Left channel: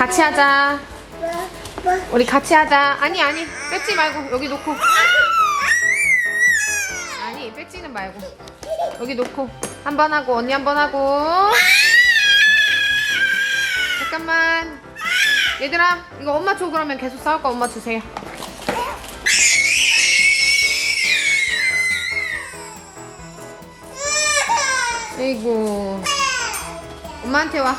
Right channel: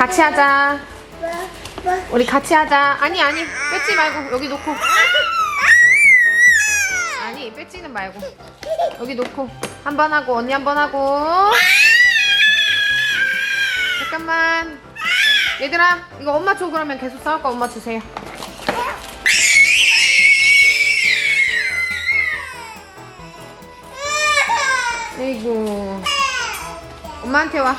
같이 하자. 우리 같이 하자. 아니 아니 뺏지 말고 여기 놓고. 아니 뺏지는 말고 여기 놓고 한 번 하고 언니 한 번 하고. 잠깐만. 얘들아 이거 엄마 줘 그러면 계속 싸울 거 엄마 주세요. 아이고 엄마한테 와.